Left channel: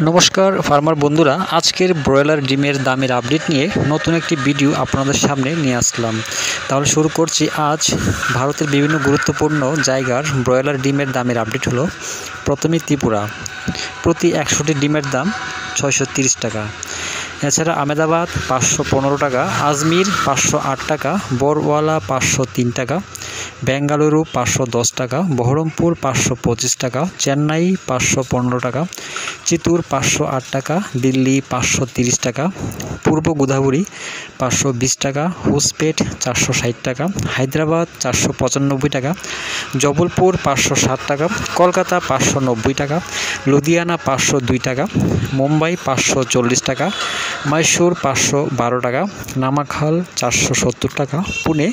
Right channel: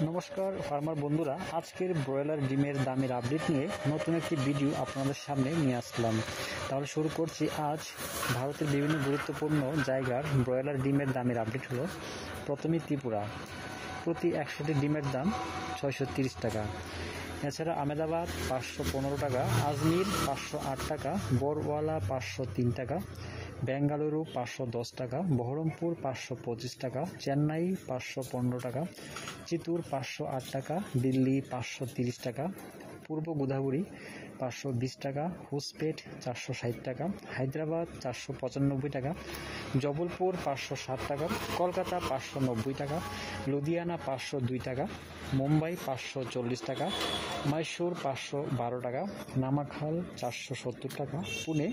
নমস্কার ফার্মার বন্ধুরা, আজকের ব্রয়লার ডিমের দামের আপডেট নিয়ে নতুন একটি ভিডিও আপনাদের সামনে নিয়ে আসলাম। তাহলে শুরু করছি। আজ ভারতের বিভিন্ন গুরুত্বপূর্ণ জায়গার ব্রয়লার ডিমের দামের আপডেট হলো। প্রথমে ত্রিপুরা, প্রতি 100টি ডিমের দাম 630 টাকা। এছাড়া আহমেদাবাদ 515 টাকা, আজমির 508 টাকা, বরওয়ালা 503 টাকা, বেঙ্গালুরু 510 টাকা, বহরমপুর 525 টাকা, চেন্নাই 515 টাকা, চিত্তুর 508 টাকা, দিল্লি 530 টাকা, পূর্ব গোদাবরী 520 টাকা, হোসপেট 460 টাকা, হায়দ্রাবাদ 495 টাকা, জবলপুর 560 টাকা, কলকাতা 590 টাকা, লুধিয়ানা 502 টাকা, মুম্বাই 540 টাকা, মহীশূর 512 টাকা, নামাখাল 470 টাকা, পুনে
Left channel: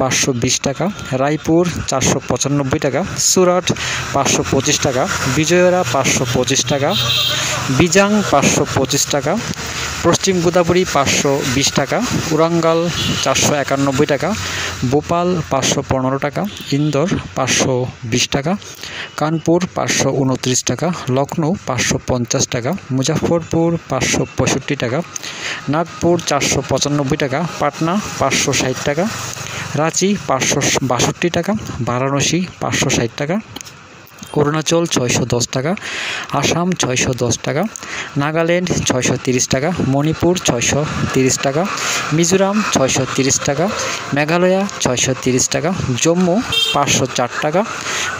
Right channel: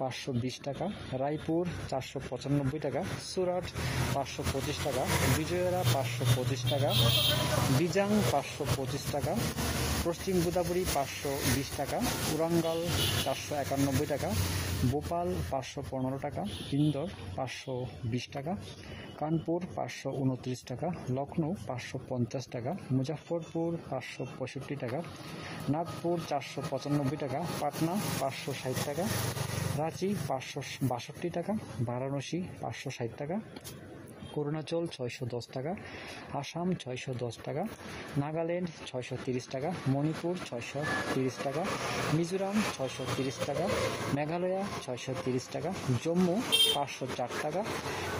520 টাকা, রায়পুর 495 টাকা, সুরাট 525 টাকা, বিজয়ওয়াড়া 525 টাকা, বিজাং 525 টাকা, পশ্চিম গোদাবরী 520 টাকা, ওরাঙ্গাল 491 টাকা, ভোপাল 515 টাকা, ইন্দোর 520 টাকা, কানপুর 529 টাকা, লখনৌ 550 টাকা, মুজফ্ফরপুর 565 টাকা, নাগপুর 495 টাকা, পাটনা 560 টাকা, রাঁচি 562 টাকা, বারাণসী 560 টাকা, অরুণাচল 610 টাকা, আসাম 610 টাকা, নাগাল্যান্ড 630 টাকা, মণিপুর 630 টাকা, মিজোরাম 630 টাকা, মেঘালয় 630 টাকা, জম্মু 504 টাকা,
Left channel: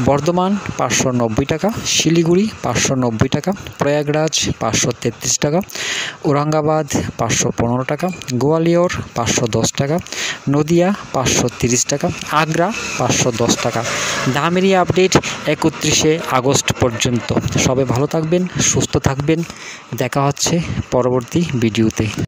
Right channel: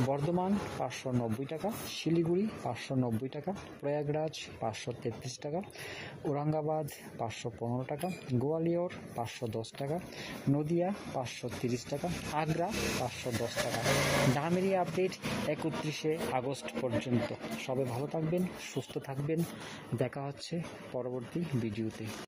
বর্ধমান 590 টাকা, শিলিগুড়ি 590 টাকা, প্রয়াগরাজ 533 টাকা, ঔরঙ্গাবাদ 515 টাকা, গোয়ালিয়র 510 টাকা, নদিয়া 530 টাকা, আগ্রা 510 টাকা। দামেরই আপডেট 31 আগস্ট পর্যন্ত। সবাই ভালো থাকবেন, সুস্থ থাকবেন। দেখা হচ্ছে পরবর্তী ভিডিওতে।